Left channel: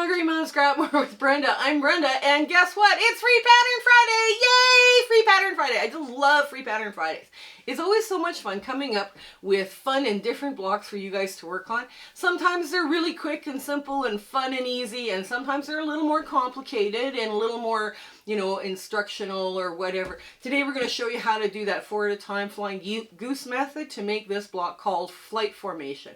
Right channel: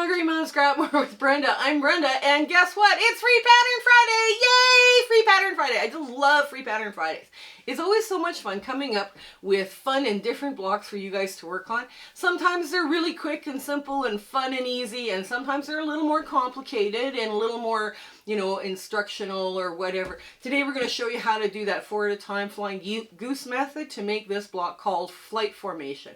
Calgary Mom Scrap More with Brenda. I'm Brenda, and guess what? It's Free Pattern Friday! Yay! Free Pattern Friday. I just love Free Pattern Fridays. It's always so much fun coming up with fun and different blocks for you guys to work on. Sometimes they're really quick and simple and fun and easy, and sometimes they're a little more complicated and a little more, you know, instructional or whatever. Today we're going to show you how to do that 4 at a time flying goose method to make this block called flight formation.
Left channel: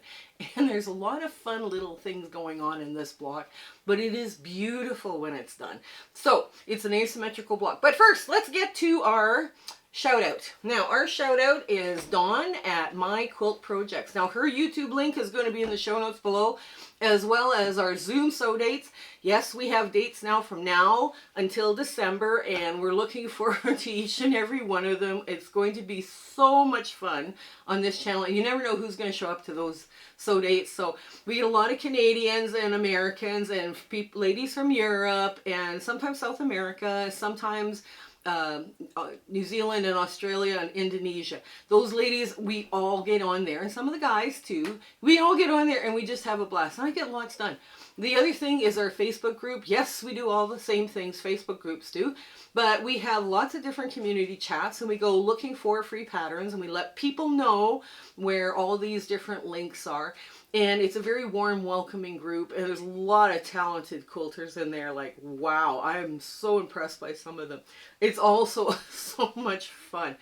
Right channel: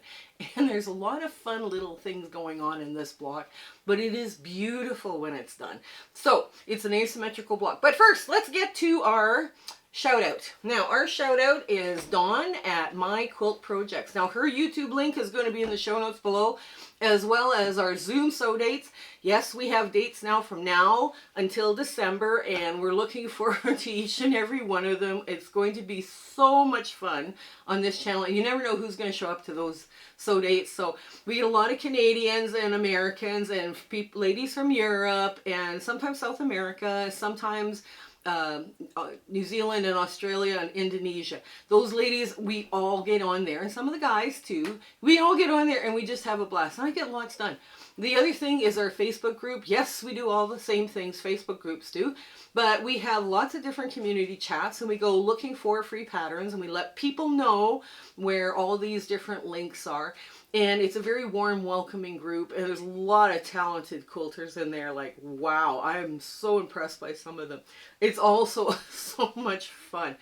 And there's a lot of fun little things going on in this block, but it is beautiful when it's done. So it's an asymmetrical block. But first, let's get to our shout out. Now, our shout out is Dawn at My Quilt Projects. Now, her YouTube link is going to be in the show notes below, as well as our Zoom sew dates. Yes, we have dates now from now until December, and we're looking forward to each and every one of them. It's going to be so much fun on this channel, and you never know who's going to show up to those sew dates. So we get a lot of Canadians and Americans and ladies from Europe and sometimes South America, sometimes New Zealand and Australia and Indonesia. Those ladies, we all get on there, and some of the guys too. We all get on there and we just have a blast, and I get lots done. The other thing is our Facebook group. Yes, we do all the same things Facebook groups do, but we have lots of different community chats, and we go looking for free patterns, and we let people know where all these different links are. And it's a very warm, welcoming group, and there's a lot of talented quilters in there. Like, wow, I am so impressed by some of them. It's also so much fun.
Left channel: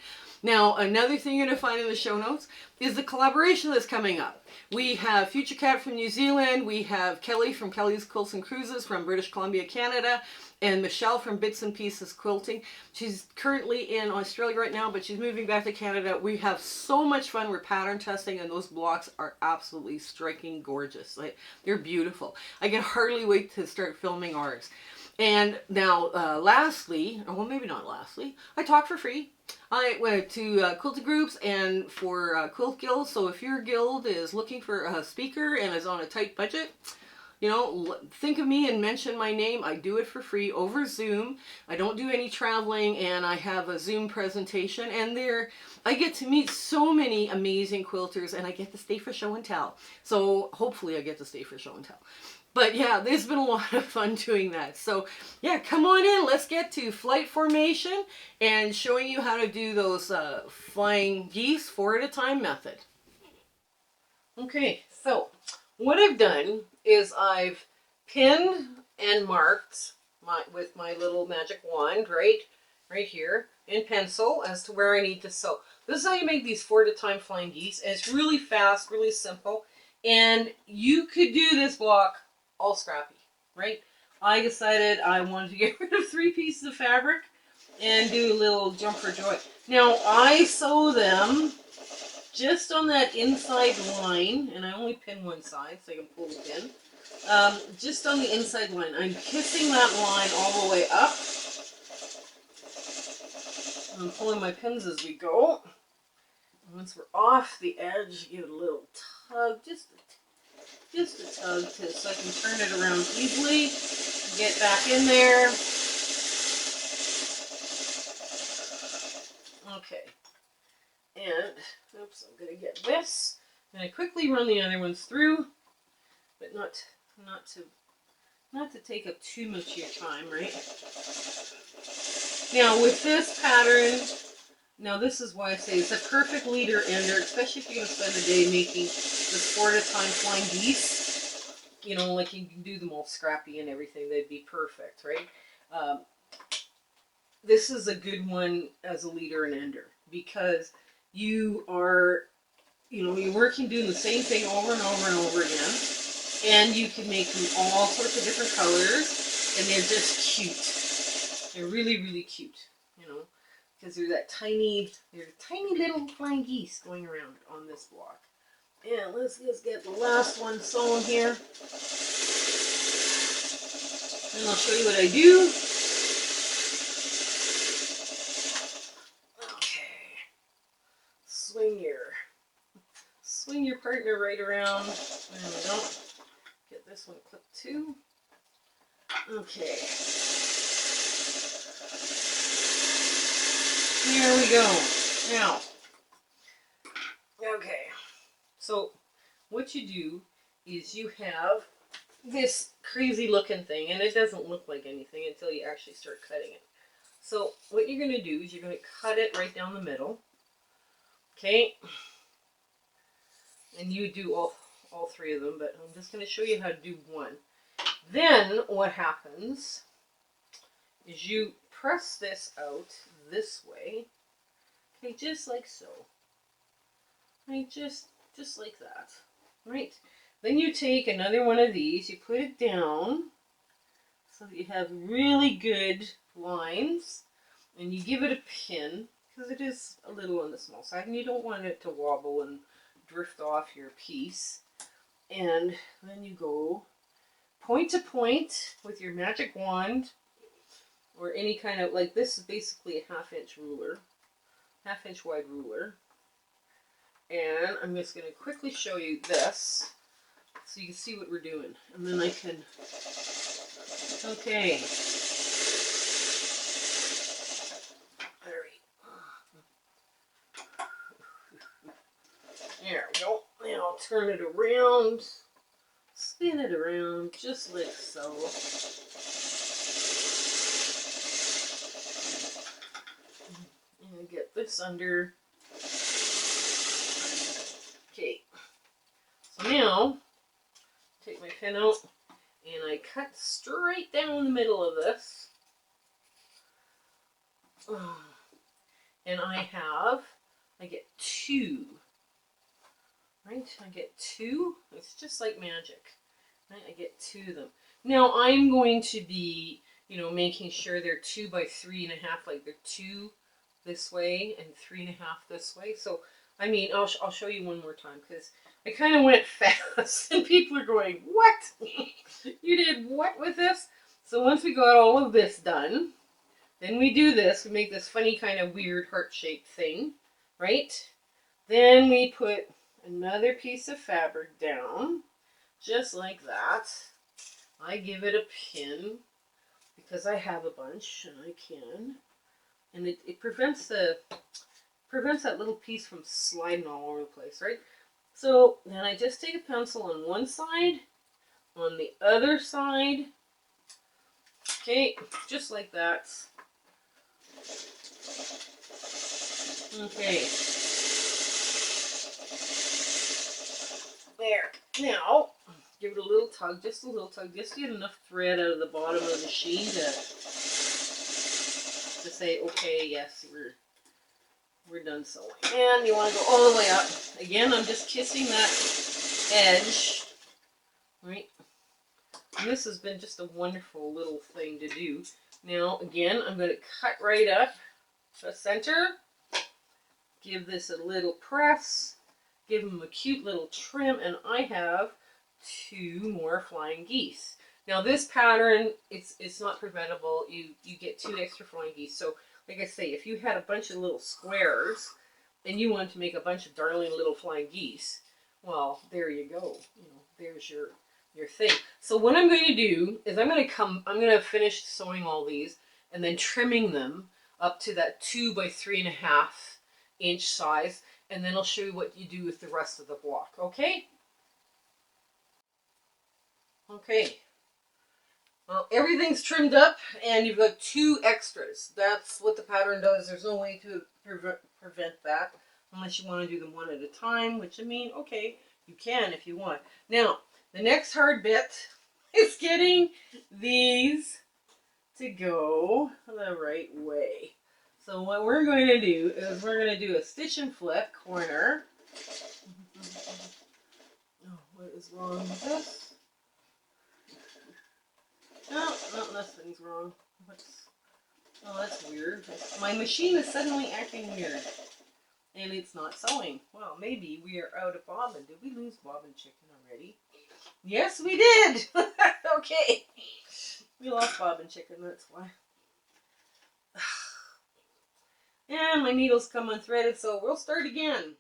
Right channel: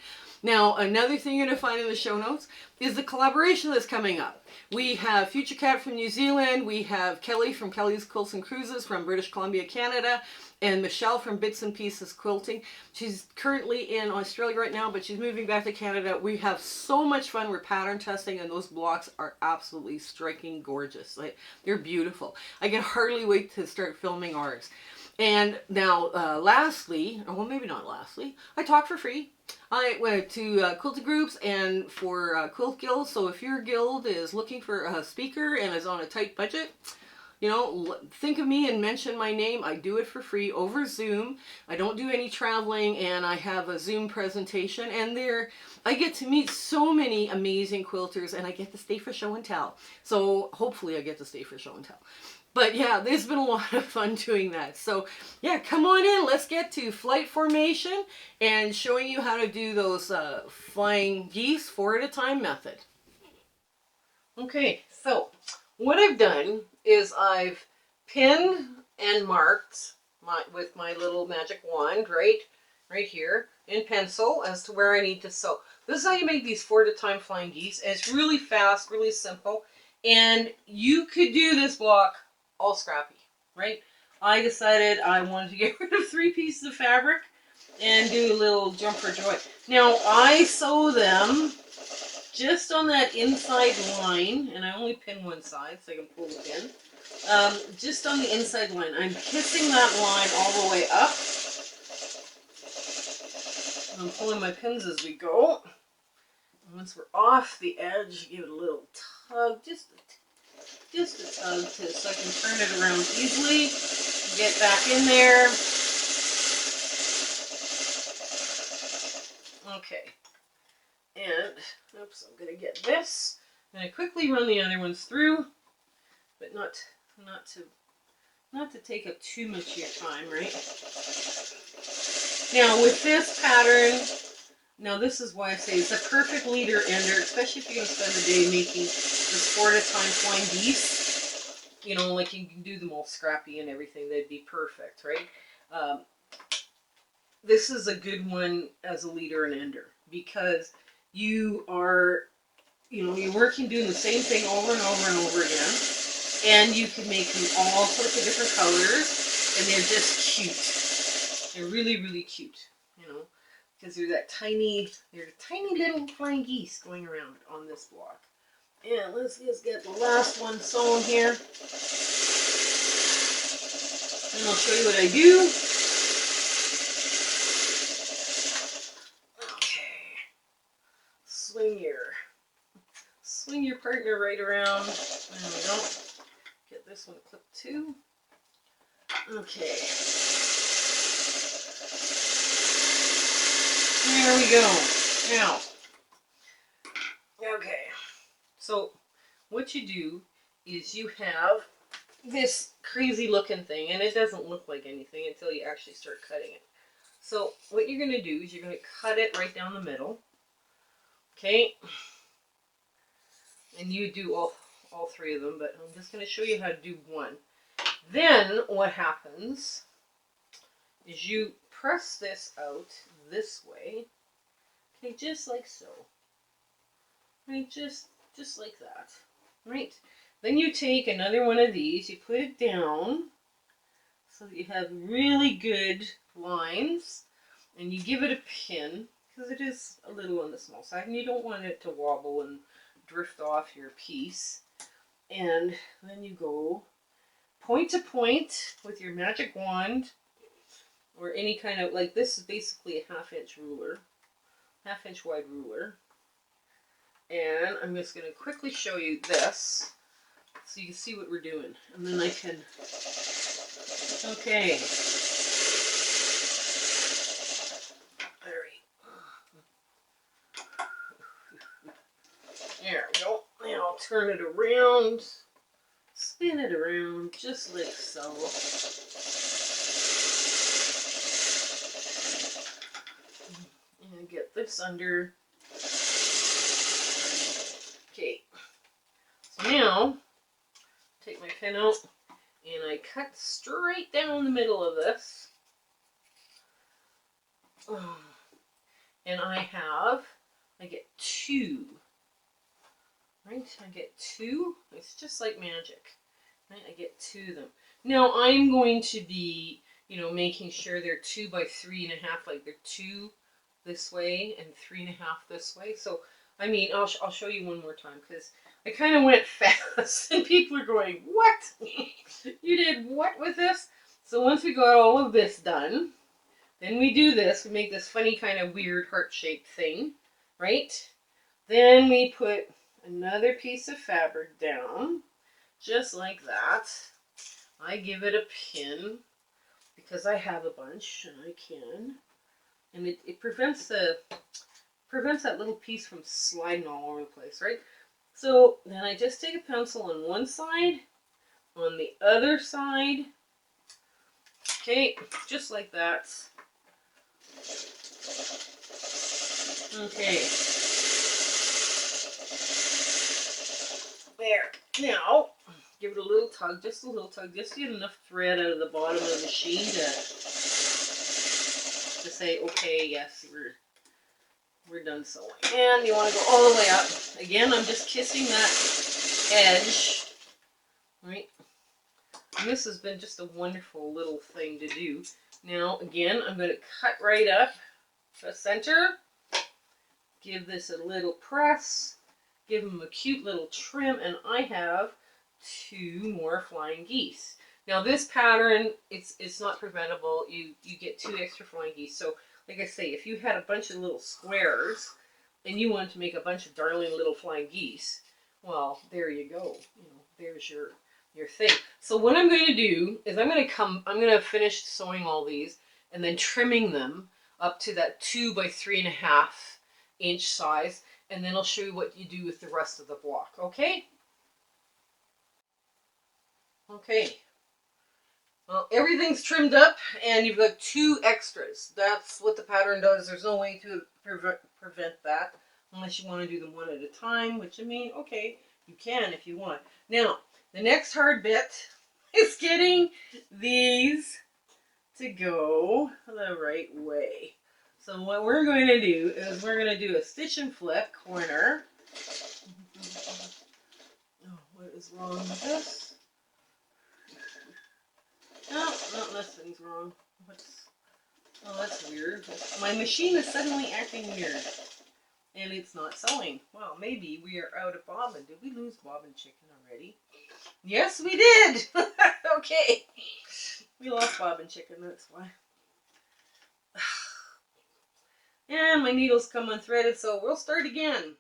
Now, another thing you're going to find in the show notes is the collaboration that's coming up. We have Future Cat from New Zealand, we have Kelly from Kelly's Quilts and Cruises from British Columbia, Canada, and Michelle from Bits and Pieces Quilting. She's currently in Australia right now, but she's moving back to Canada. We have so much fun. We're pattern testing, and those blocks are absolutely striking gorgeous. Like, they're beautiful. I can hardly wait to start filming ours. And now, lastly, well, maybe not lastly, I talk for free. I went to quilting groups and for quilt guilds. So if your guild is looking for a speaker and is on a tight budget, you know, think of me and mention my name. I do it for free over Zoom. I don't do any traveling, and I have a Zoom presentation, and there I get to meet so many amazing quilters, and I get to stay for show and tell. So hopefully I get to stay for show and tell. But yeah, there's been a lot of fun doing that. So yeah, come on in. Let's get to flight formation and showing you how to do those flying geese 4 at a time method. Okay, so what I've done is I've pinned and marked with my little magic wand right here in pencil as to where I need to sew. This is how you make these 4 at a time flying geese, and it's really fast, really simple, and you could do this block all scrappy, right? I decided I wanted to get rid of 3 pieces of fabric and do a little jump for joy. Now, I sew them just on that inside line, and I only pin one side so I can pull the pin. Just on the inside line. I'm kissing that line all the way up. I'm pulling my pins as we go. Once we're off the edge, give it a little tug, just a tug so I can turn it around easily. Get back in there. Okay. And, oops, I'm going to get this. I'm going to quickly run the other ones through, but not to take up too much of your time, right? Now, with this pattern, now this is why I say it's a perfect leader ender, especially if you're going to spend a day making this 4 at a time flying geese. You know, like you can do them all scrappy and everything. They'd be perfect, right? This is a good one as a leader and ender because you are, you know, you're working doing the same thing over and over and over again, and you can make them all sorts of different colors, and they're just cute. They're really, really cute, you know, because they're tiny little flying geese going around on this block. And let's just get the last one sewn here, and I'll show you what I do. Swing your partner right around. There we go. Get this one clipped too. Okay. There we go. Now, okay. So what you do is you have this crazy looking thing, and it doesn't look like anything until you actually start cutting it. So what you're going to do is you're going to cut it right down the middle. Okay? And you do all three of them, but I'm just going to show you how to do one. Then what happens is you press this out this way. Okay, just like so. Right, just like that. Right? Then you take another one of these, you put it down so that you have really good lines, and you give it a pin because it is a little on the small side and you don't want it to wobble and drift off your piece. And then you go point to point with your magic wand or any kind of, like this is basically a half-inch ruler, half-inch wide ruler. And I'm just going to quickly show you this so you can see what we're doing. And then I can, okay. There we go. Now I'll turn it around, spin it around just like so. And get this under. Okay. So now, take my pin out and I cut straight down the middle of this. And I get two. Right? I get two. It's just like magic. Right? I get two of them. Now I'm going to be, making sure they're 2 by 3.5, like they're 2 this way and 3.5 this way. So, I mean, I'll show you one more time because I kind of went fast and people are going, what? You did what with this? So once we got all of this done, then we do this. We make this funny kind of weird heart-shaped thing, right? Then we put another piece of fabric down, just like that. I give it a pin because I have a bunch and I can. And it prevents that little piece from sliding all over the place, right? So then I just take a pencil on one side, on the other side. Okay, just like that. Okay. There. Now, give it a little tug, just a little tug, just to get enough thread out of the bottom of the machine to say, okay, yes, we're done sewing. And you want to go all the way up. Again, I'm just kissing that edge, right? And this has been just a wonderful little thing to do. Now, again, I'm going to cut right up the center, give this a little press, give them a cute little trim, and I have 2 more flying geese. Now this pattern, it's not preventable. You get 2 extra flying geese. So like I say, if you had a bunch of little squares and you wanted to make a bunch of darling little flying geese, well, there you go. There's your thing. So what I'm going to do is I'm going to finish sewing all these and then trimming them up to that 2 by 3.5 inch size, and then I'll show you what you do with the rest of the block. Okay? Okay. Well, everything's trimmed up and you've got 2 extras. That's what the pattern does. There's no way to prevent that unless you want to do them one at a time, which I mean, okay, you can if you want. Now, the next hard bit is getting these to go the right way. So what we're going to do is we're going to do a stitch and flip corner. Oh, what is wrong with this? No, nothing's wrong. Oh, that's weird. My machine is suddenly acting weird. And it's not sewing. Well, maybe we are out of bobbin. Did we lose bobbin chicken already? Yes, we did. Okay. We lost bobbin chicken, that's why. And my needles come unthreaded, so we'll start again.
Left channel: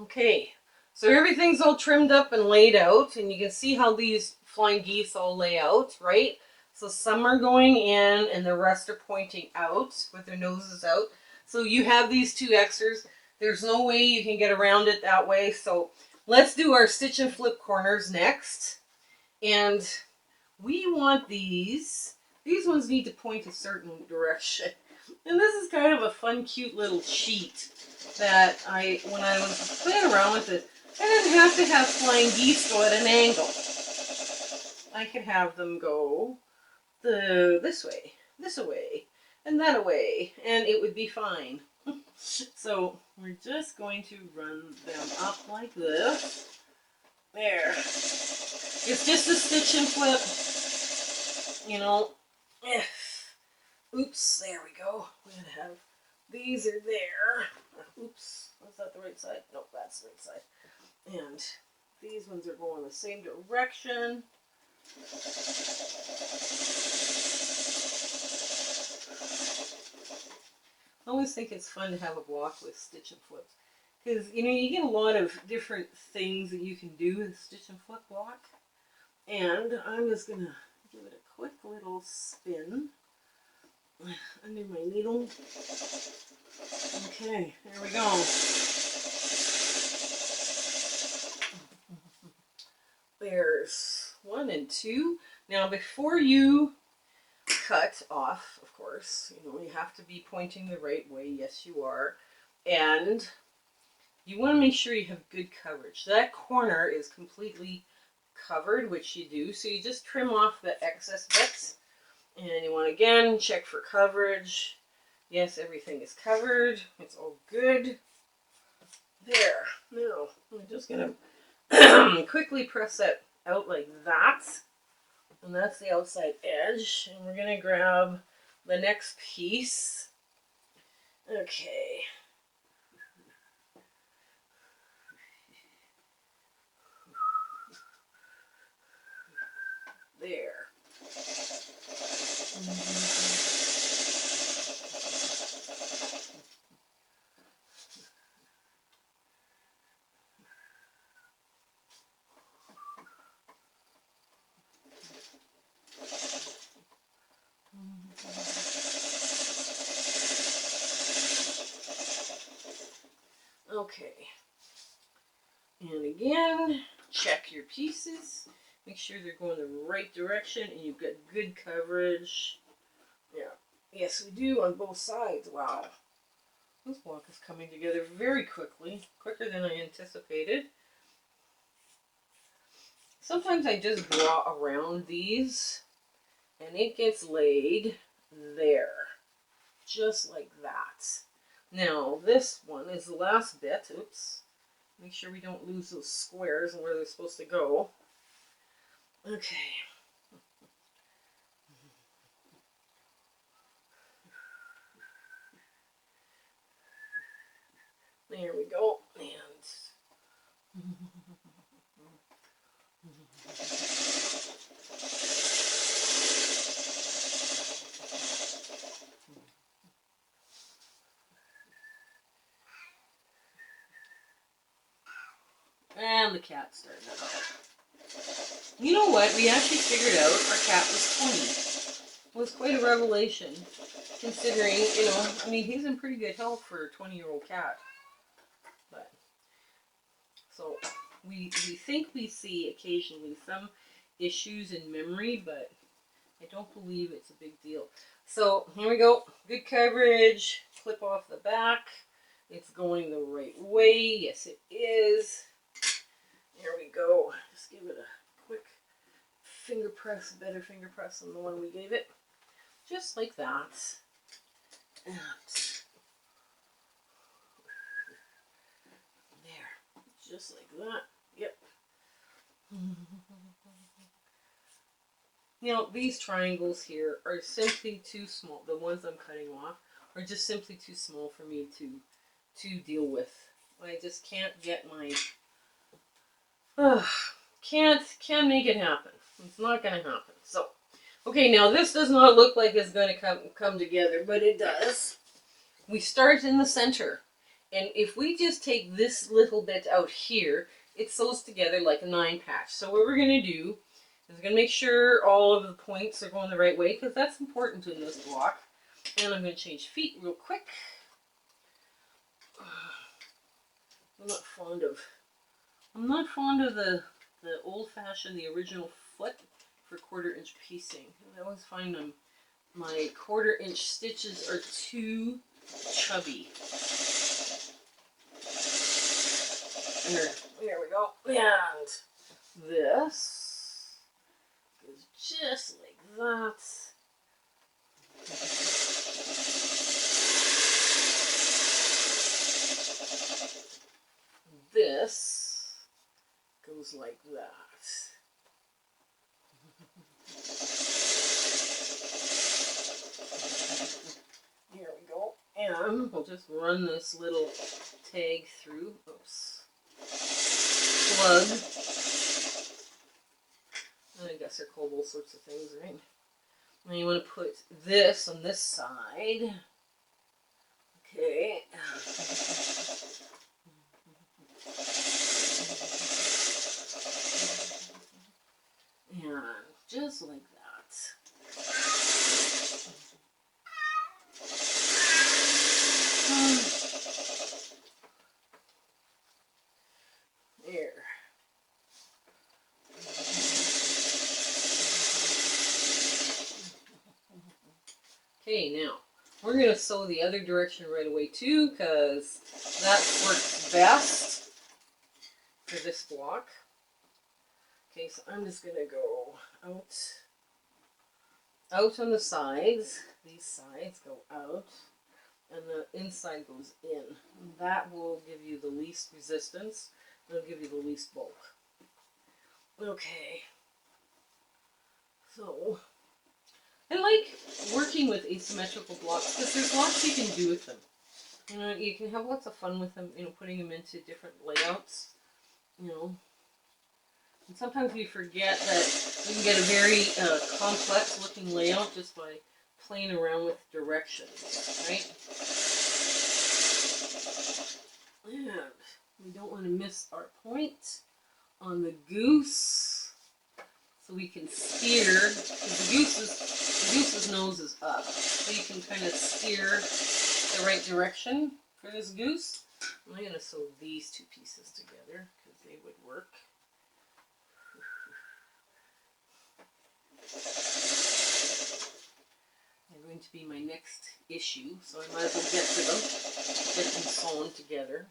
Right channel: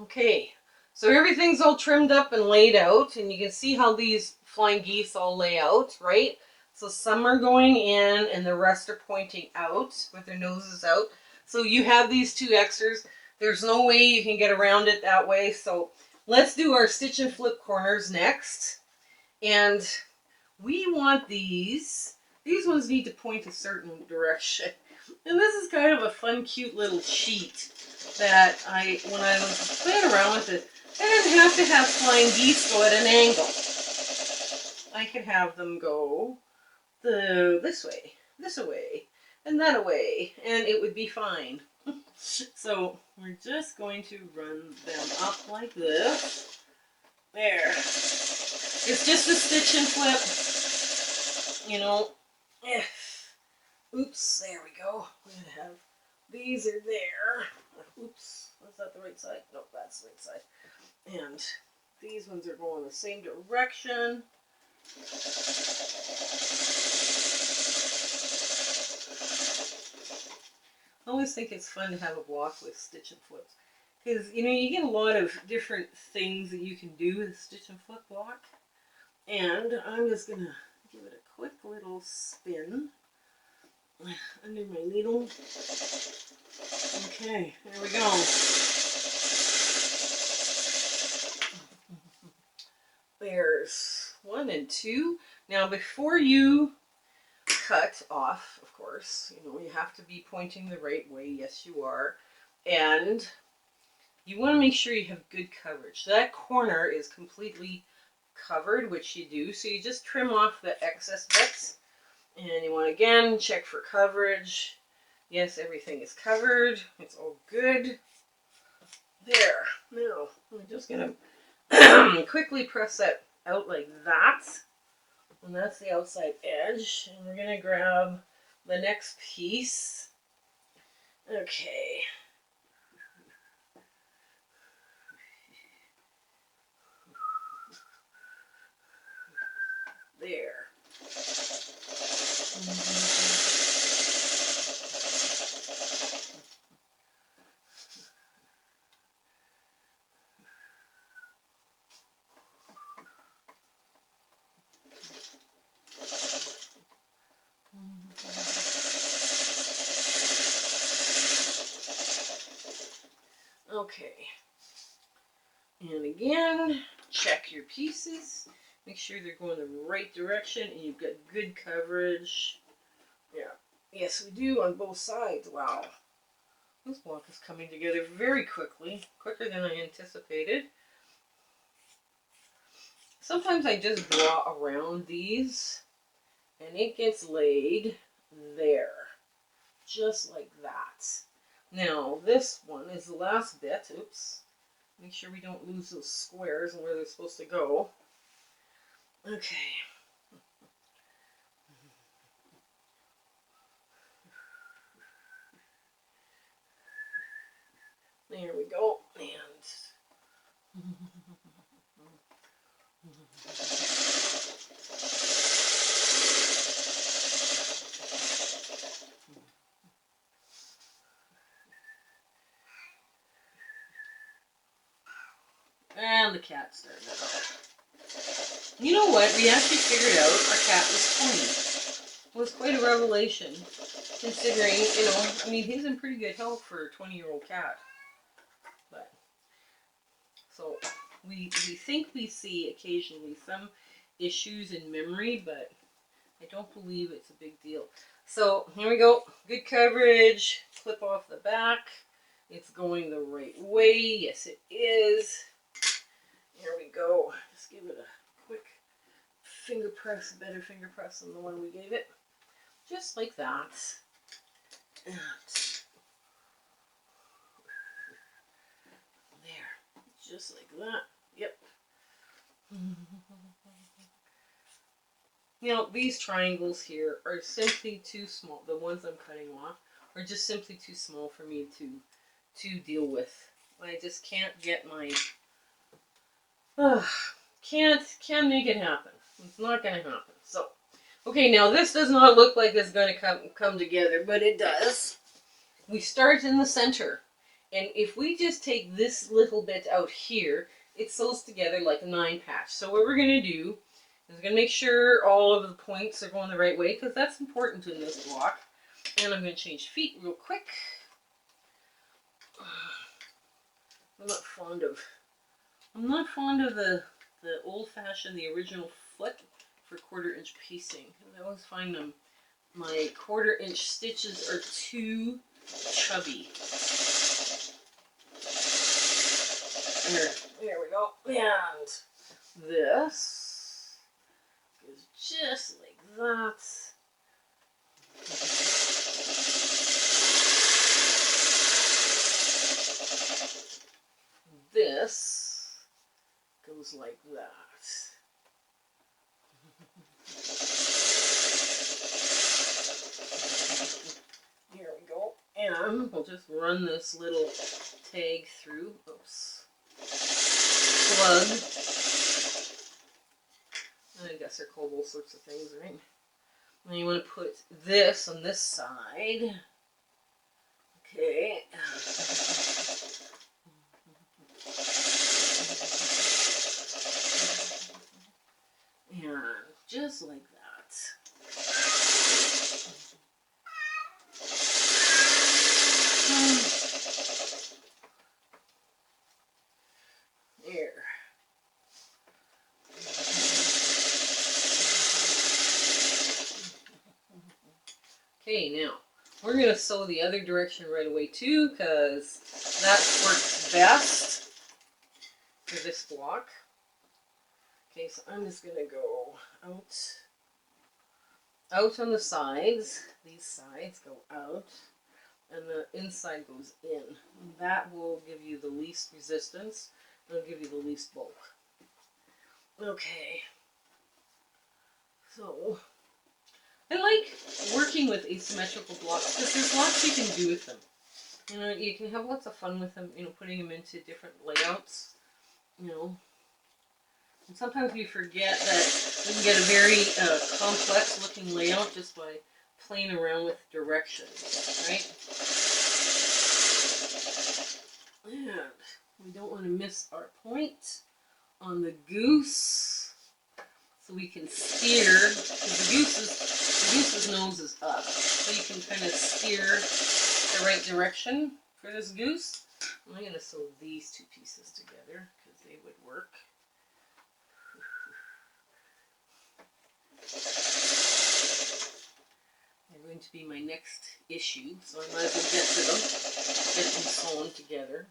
Okay, so everything's all trimmed up and laid out, and you can see how these flying geese all lay out, right? So some are going in and the rest are pointing out with their noses out. So you have these 2 extras. There's no way you can get around it that way. So let's do our stitch and flip corners next. And we want these ones need to point a certain direction. And this is kind of a fun, cute little sheet that when I was playing around with it, I didn't have to have flying geese go at an angle. I could have them go this way, and that away, and it would be fine. So we're just going to run them up like this. There. It's just a stitch and flip, you know. Oops, there we go. We're going to have, these are there. Oops, was that the right side? Nope, that's the right side. And these ones are going the same direction. I always think it's fun to have a block with stitch and flips. Because, you know, you get a lot of different things that you can do with a stitch and flip block. And I'm just going to give it a quick little spin under my needle. Okay, there we go. There's 1 and 2. Now before you cut off, of course, you know, you have to be pointing the right way. Yes, you are. And you want to make sure you have good coverage. That corner is completely covered, which you do. So you just trim off the excess bits. And you want to again check for coverage. Yes, everything is covered. It's all good. There. Now, I'm just going to quickly press that out like that. And that's the outside edge. And we're going to grab the next piece. Okay. There. Okay. And again, check your pieces. Make sure they're going the right direction and you've got good coverage. Yeah. Yes, we do on both sides. Wow. This block is coming together very quickly, quicker than I anticipated. Sometimes I just draw around these and it gets laid there, just like that. Now, this one is the last bit. Oops. Make sure we don't lose those squares and where they're supposed to go. Okay. There we go. And the cat started it out. You know what? We actually figured out our cat was 20. It was quite a revelation, considering, you know, I mean, he's in pretty good health for a 20-year-old cat. But, so, we think we see occasionally some issues in memory, but I don't believe it's a big deal. So, here we go. Good coverage. Clip off the back. It's going the right way. Yes, it is. Here we go. Just give it a quick finger press, better finger press than the one we gave it. Just like that. And there. Just like that. Yep. You know, these triangles here are simply too small. The ones I'm cutting off are just simply too small for me to deal with. I just can't get my... can't make it happen. It's not going to happen. So, okay, now this does not look like it's going to come together, but it does. We start in the center. And if we just take this little bit out here, it sews together like a 9-patch. So what we're going to do is we're going to make sure all of the points are going the right way, because that's important in this block. And I'm going to change feet real quick. I'm not fond of the old-fashioned, the original foot for 1/4" piecing. I always find my 1/4" stitches are too chubby. There we go. And this goes just like that. This goes like that. Here we go. And we'll just run this little tag through. Oops. Plug. I guess they're called all sorts of things, right? And you want to put this on this side. Okay. And just like that. There. Okay, now we're going to sew the other direction right away too, because that works best for this block. Okay, so I'm just going to go out on the sides. These sides go out, and the inside goes in. And that will give you the least resistance. It'll give you the least bulk. Okay. So, I like working with asymmetrical blocks because there's lots you can do with them. You know, you can have lots of fun with them, you know, putting them into different layouts, you know. And sometimes we forget that we can get a very complex looking layout just by playing around with directions, right? And we don't want to miss our point on the goose, so we can steer, because the goose's nose is up, so you can kind of steer the right direction for this goose. I'm going to sew these two pieces together because they would work. They're going to be my next issue, so I might as well get to them, get them sewn together.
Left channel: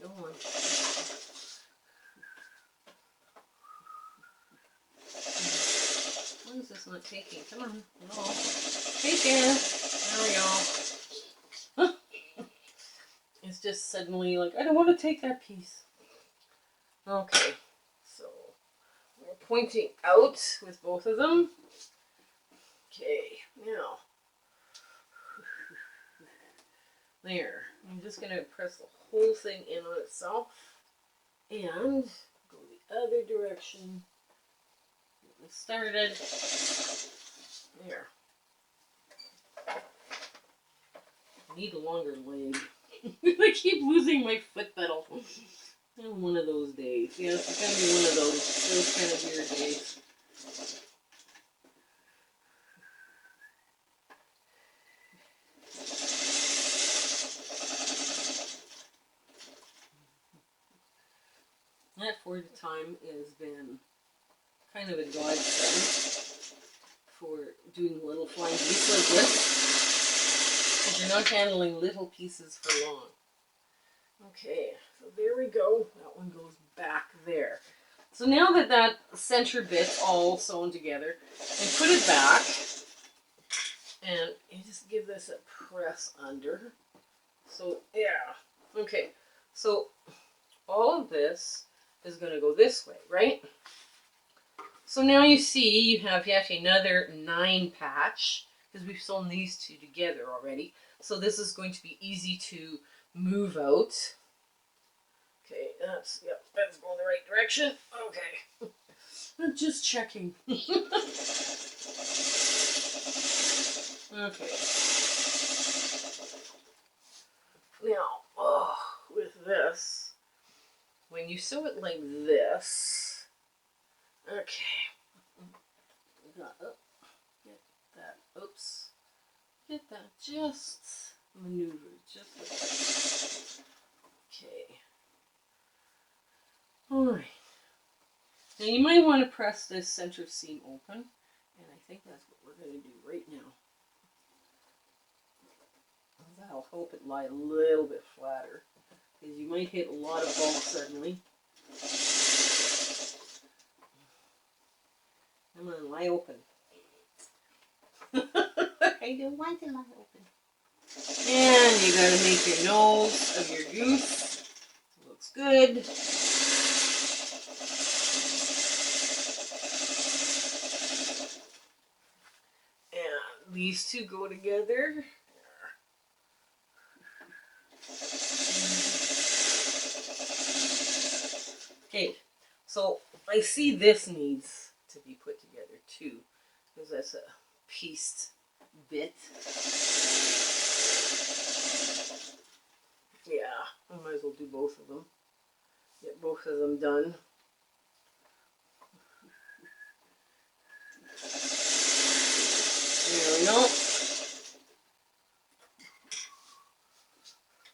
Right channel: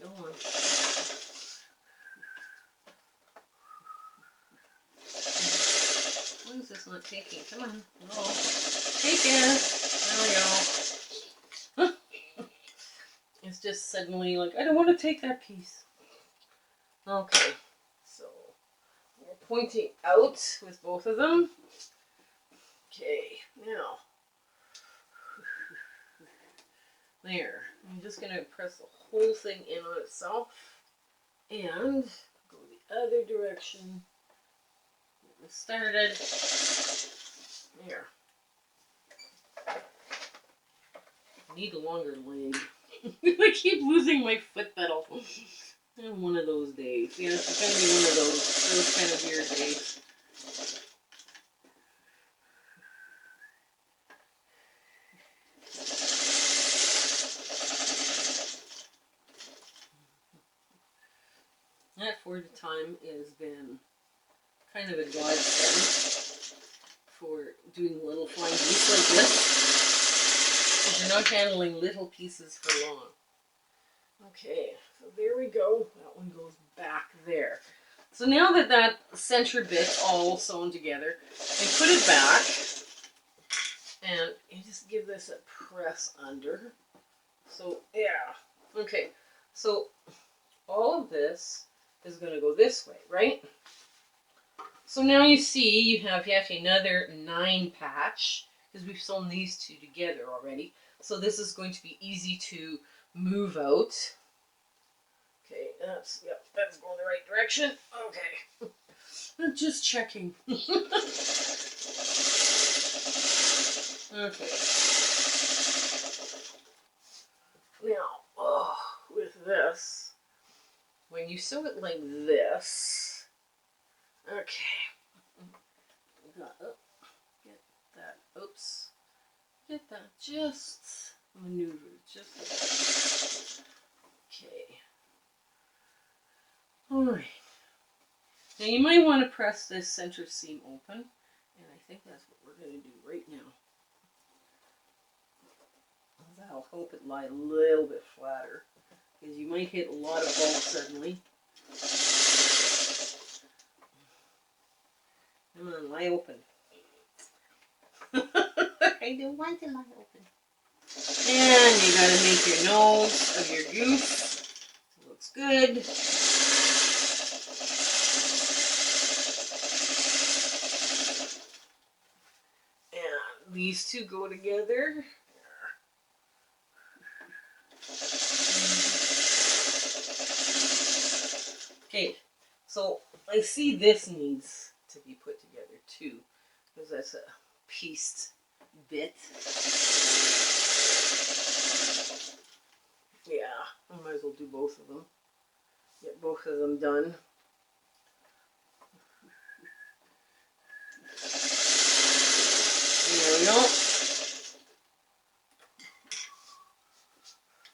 Go on. Why is this not taking? Come on. No. Take it. There we go. It's just suddenly like, I don't want to take that piece. Okay. So, we're pointing out with both of them. Okay. Now. There. I'm just going to press the whole thing in on itself and go the other direction. Get this started. There. I need a longer leg. I keep losing my foot pedal. On one of those days. Yeah, it's going to be one of those kind of weird days. That forward time has been kind of a godsend for doing little flying geese like this, because you're not handling little pieces for long. Okay, so there we go. That one goes back there. So now that that center bit's all sewn together, I put it back, and you just give this a press under. So, yeah. Okay, so all of this is going to go this way, right? So now you see you have yet another 9 patch, because we've sewn these two together already. So this is going to be easy to move out. Okay, that's going the right direction. Okay. I'm just checking. Okay. Now, with this, when you sew it like this, okay, get that just maneuvered, just like that. Now you might want to press this center seam open, and I think that's what we're going to do right now. That'll help it lie a little bit flatter, because you might hit a lot of bulk suddenly. Come on, lie open. I don't want to lie open. And you gotta make your nose of your goose. It looks good. And these two go together. Okay, so I see this needs to be put together too, because that's a pieced bit. Yeah, I might as well do both of them. Get both of them done. There we go.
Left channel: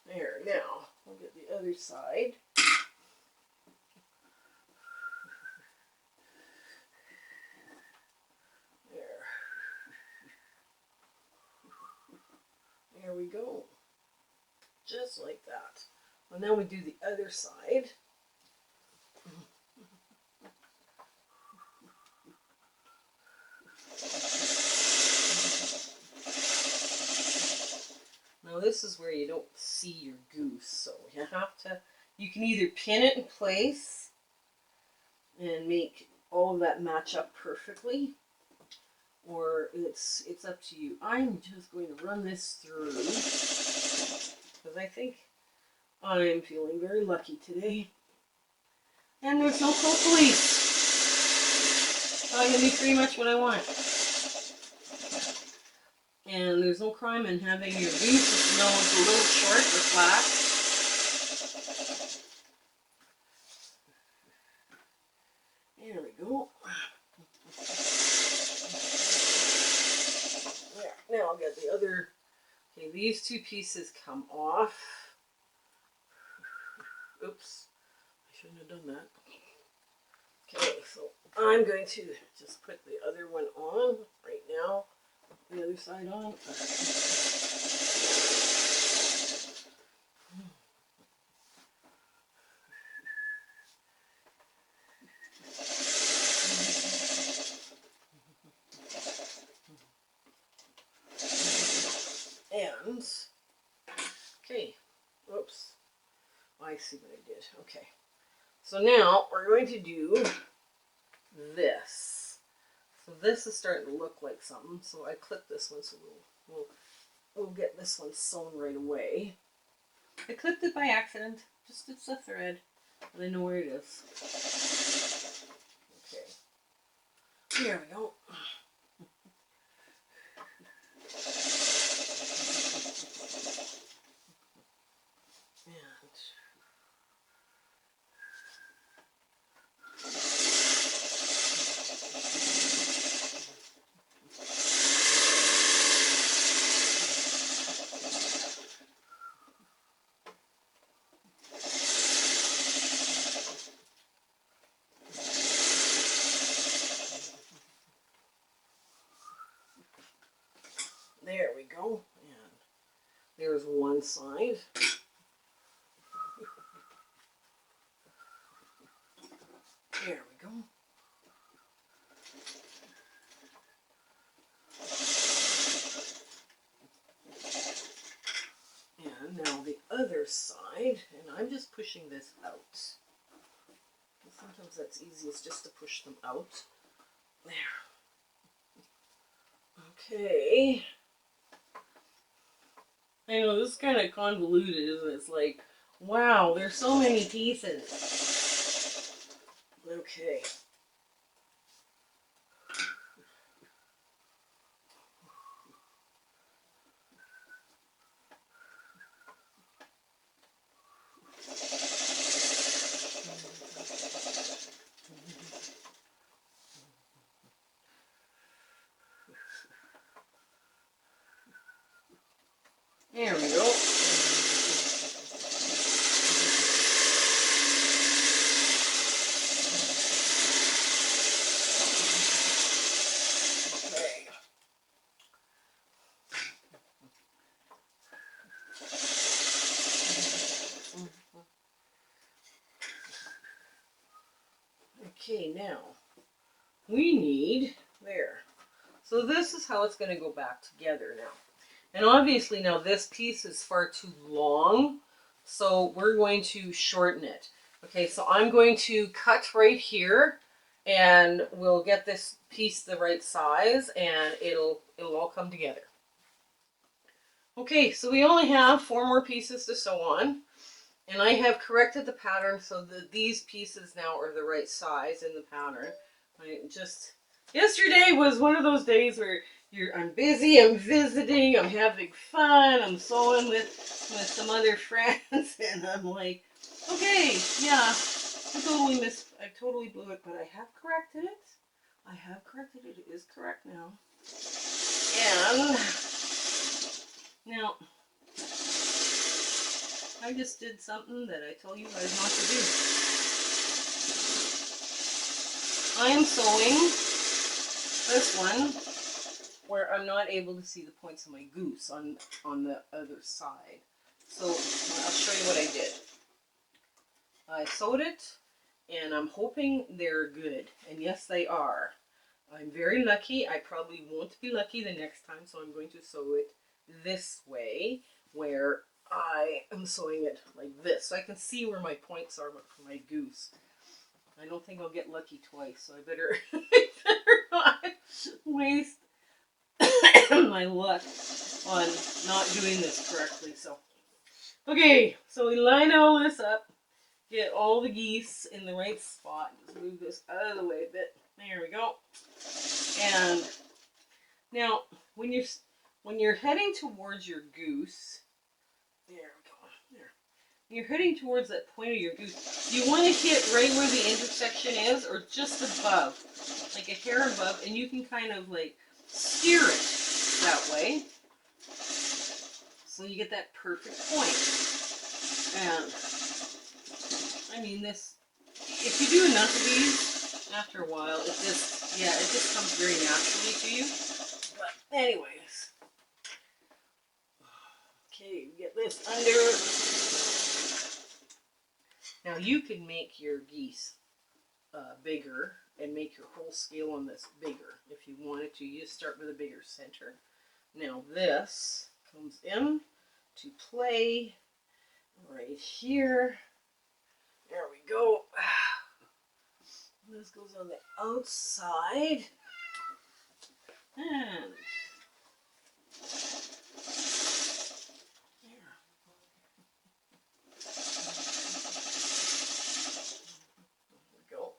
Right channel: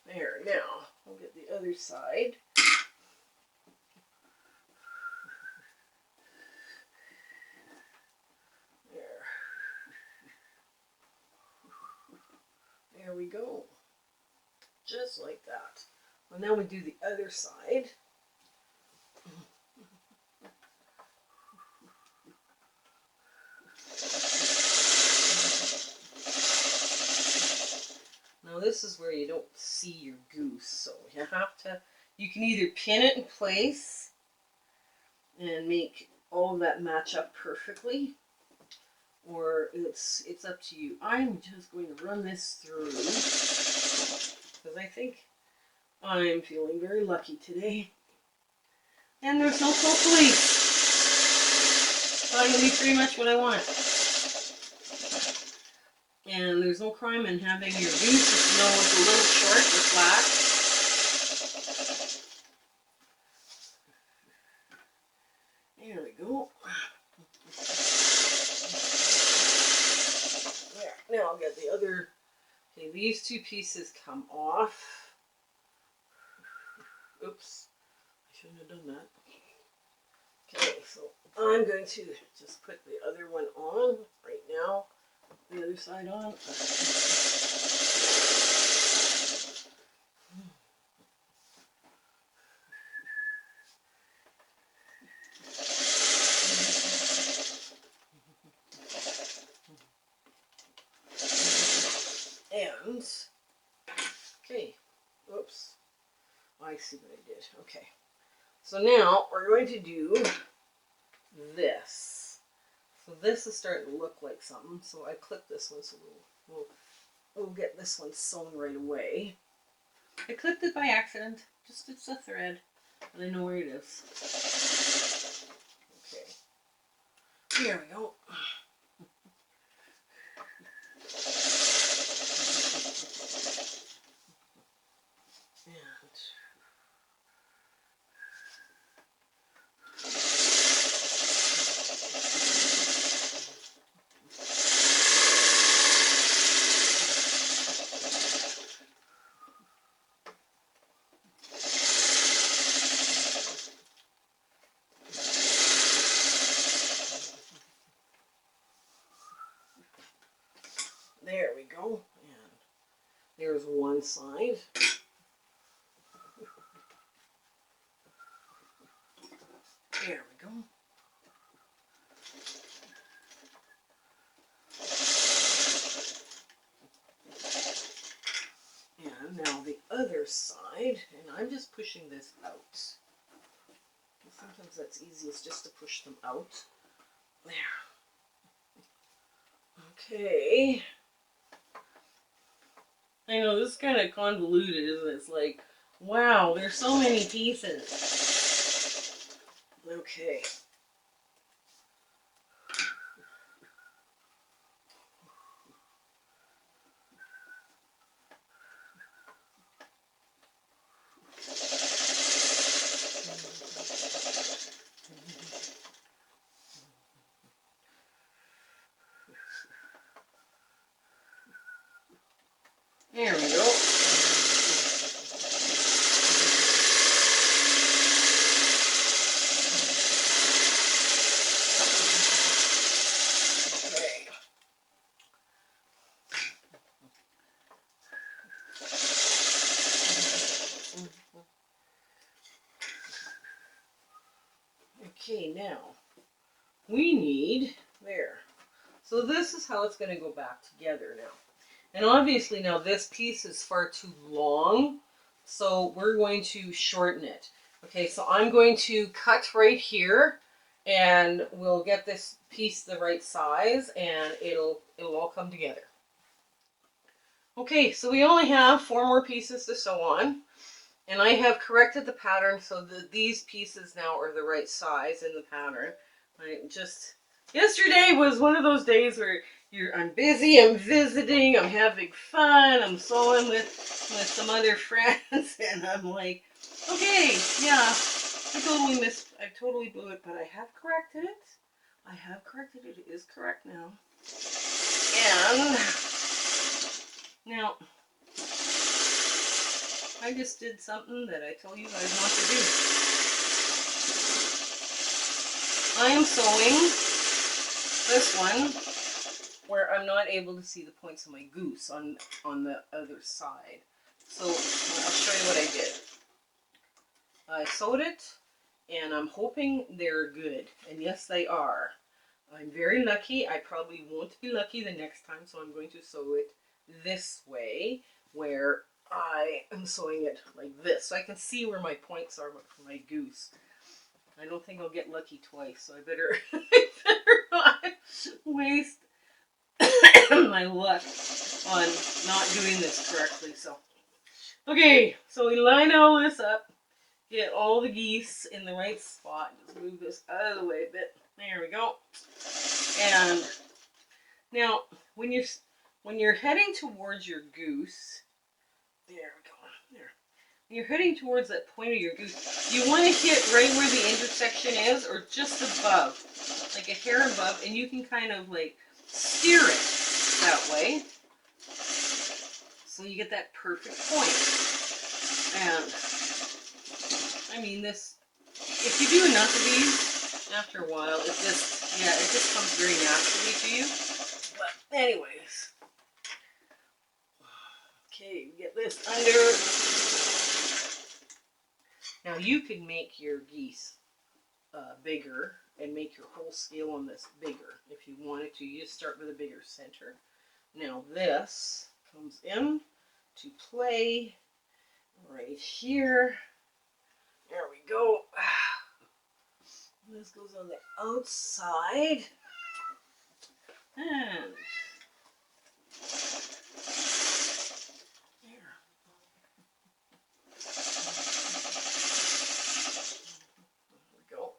There, now we'll get the other side. There we go. Just like that. Well, now we do the other side. Now this is where you don't see your goose, so you have to, you can either pin it in place and make all of that match up perfectly, or it's up to you. I'm just going to run this through, because I think I'm feeling very lucky today. And there's no cold police. So I can do pretty much what I want. And there's no crime in having your goose, if you know it's a little short or flat. There we go. There. Now I'll get the other. Okay, these two pieces come off. Oops, I shouldn't have done that. Okay, so I'm going to just put the other one on right now. The other side on. And, okay, oops, I see what I did. Okay, so now we're going to do this. So this is starting to look like something, so I clipped this one, so we'll get this one sewn right away. I clipped it by accident, just it's a thread, and I know where it is. Okay, here we go. There we go, and there's one side. There we go. And now the other side, and I'm just pushing this out. Sometimes that's easiest just to push them out. There. Okay. I know, this is kind of convoluted, isn't it? It's like, wow, there's so many pieces. Okay. There we go. Okay, now we need there. So this is how it's going to go back together now. And obviously now this piece is far too long, so we're going to shorten it. Okay, so I'm going to cut right here, and we'll get this piece the right size, and it'll all come together. Okay, so we only have 4 more pieces to sew on, and I have corrected the pattern so that these pieces now are the right size in the pattern. Yesterday was one of those days where I'm busy, I'm visiting, I'm having fun, I'm sewing with some other friends, and I'm like, okay, yeah, I totally blew it, but I have corrected it. It is correct now. And now, I just did something that I told you guys not to do. I am sewing this one where I'm not able to see the points of my goose on the other side. So I'll show you what I did. I sewed it, and I'm hoping they're good. And yes, they are. I'm very lucky. I probably won't be lucky the next time, so I'm going to sew it this way, where I am sewing it like this, so I can see where my points are for my goose. I don't think I'll get lucky twice, so I better not waste my luck on not doing this correctly. So, okay, so we line all this up, get all the geese in the right spot. Just move this out of the way a bit. There we go. And now, when you're heading towards your goose, there we go. There. When you're heading towards that point of your goose, you want to hit right where the intersection is, or just above, like a hair above, and you can kind of like steer it that way, so you get that perfect point. And I mean, this, if you do enough of these, after a while, it just comes very naturally to you. But anyways, okay, get this under. Now you can make your geese bigger and make your whole scale on this bigger if you wanted to. You just start with a bigger center. Now this comes in to play right here. There we go. This goes on the outside. And there. There we go.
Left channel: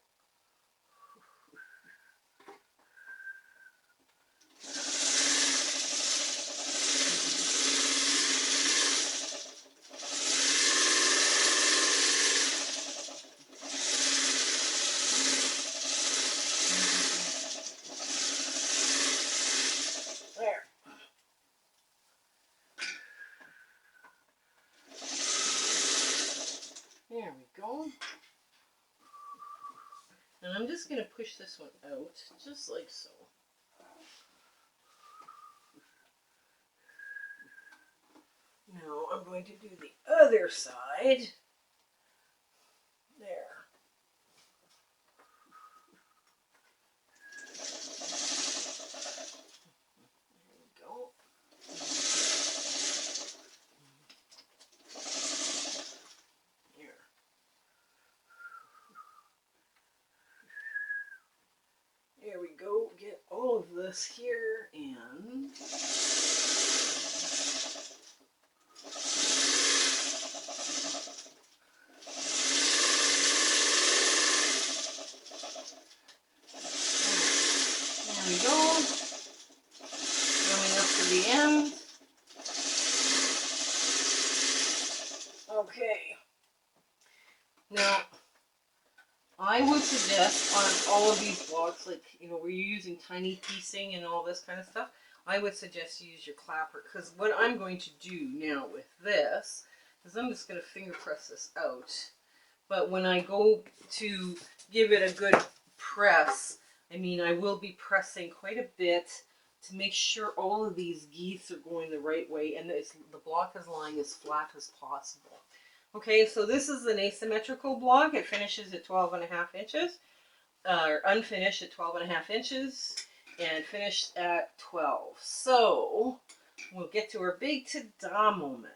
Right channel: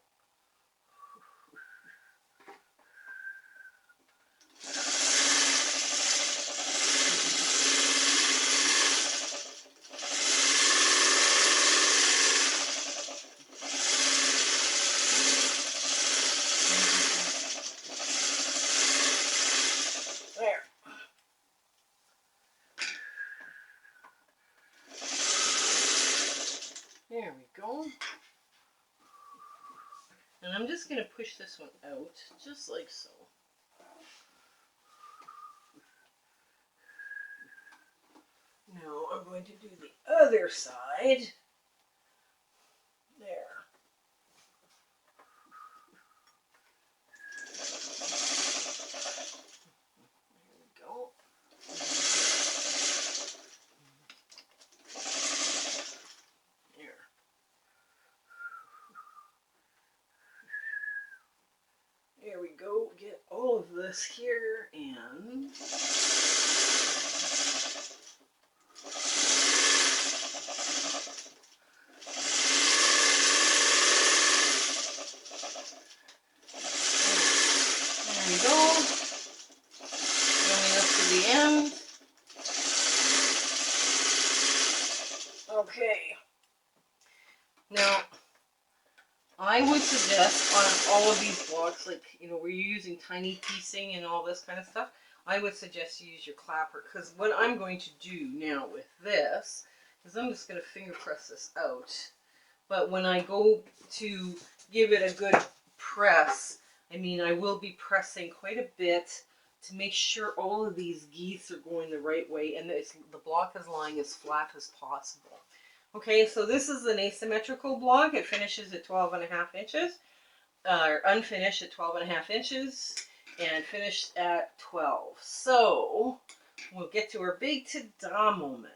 There we go. And I'm just going to push this one out, just like so. Now I'm going to do the other side. There. There we go. There. There we go. Get all of this here and there we go. Going up to the end. Okay. Now, I would suggest on all of these blocks, like, you know, where you're using tiny piecing and all this kind of stuff, I would suggest you use your clapper. Because what I'm going to do now with this is I'm just going to finger press this out. But when I go to give it a good press, I mean, I will be pressing quite a bit to make sure all of these geese are going the right way and the block is lying as flat as possible. Okay, so this is an asymmetrical block. It finishes at 12.5 inches. unfinished at 12.5 inches and finished at 12. So we'll get to our big ta-da moment.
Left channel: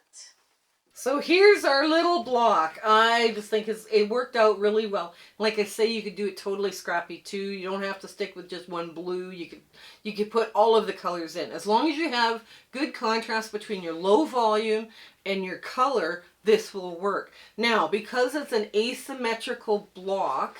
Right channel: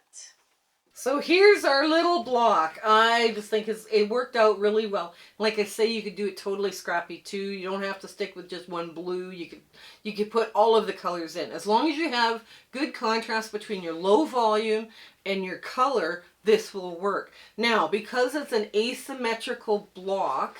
So here's our little block. I just think it worked out really well. Like I say, you could do it totally scrappy too. You don't have to stick with just one blue. You could put all of the colors in. As long as you have good contrast between your low volume and your color, this will work. Now, because it's an asymmetrical block,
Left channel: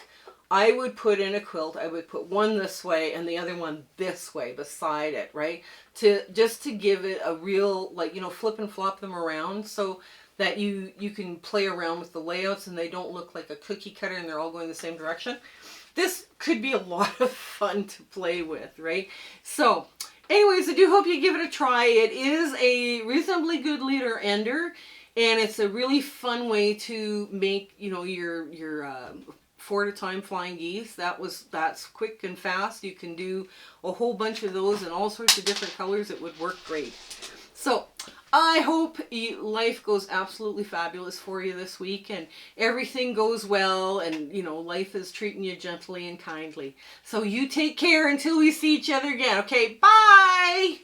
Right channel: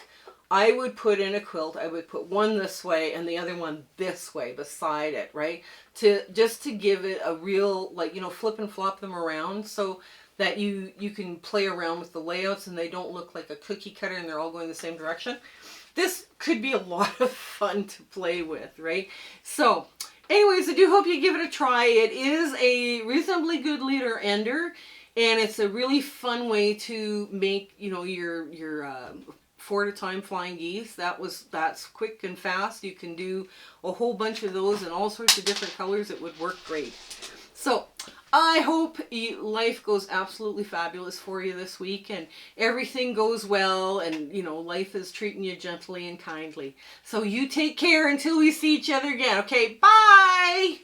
I would put in a quilt, I would put one this way and the other one this way beside it, right? Just to give it a real, like, you know, flip and flop them around so that you can play around with the layouts and they don't look like a cookie cutter and they're all going the same direction. This could be a lot of fun to play with, right? So, anyways, I do hope you give it a try. It is a reasonably good leader ender, and it's a really fun way to make, you know, your 4 at a time flying geese. That's quick and fast. You can do a whole bunch of those in all sorts of different colors. It would work great. So I hope life goes absolutely fabulous for you this week and everything goes well and, you know, life is treating you gently and kindly. So you take care until we see each other again. Okay, bye!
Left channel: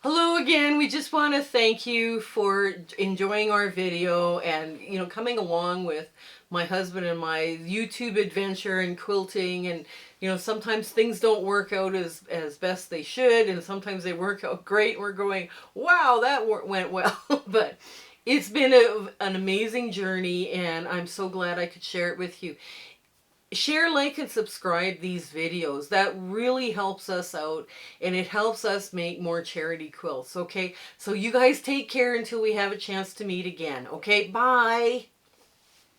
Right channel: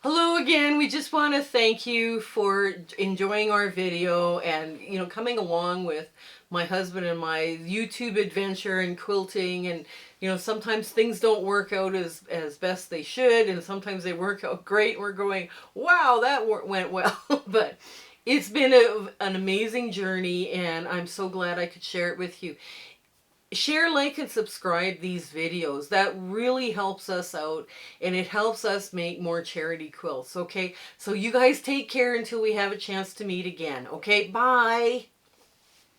Hello again. We just want to thank you for enjoying our video and, you know, coming along with my husband and my YouTube adventure and quilting. And, you know, sometimes things don't work out as best they should, and sometimes they work out great. We're going, wow, that went well. But it's been an amazing journey, and I'm so glad I could share it with you. Share, like, and subscribe these videos. That really helps us out, and it helps us make more charity quilts, okay? So you guys take care until we have a chance to meet again, okay? Bye!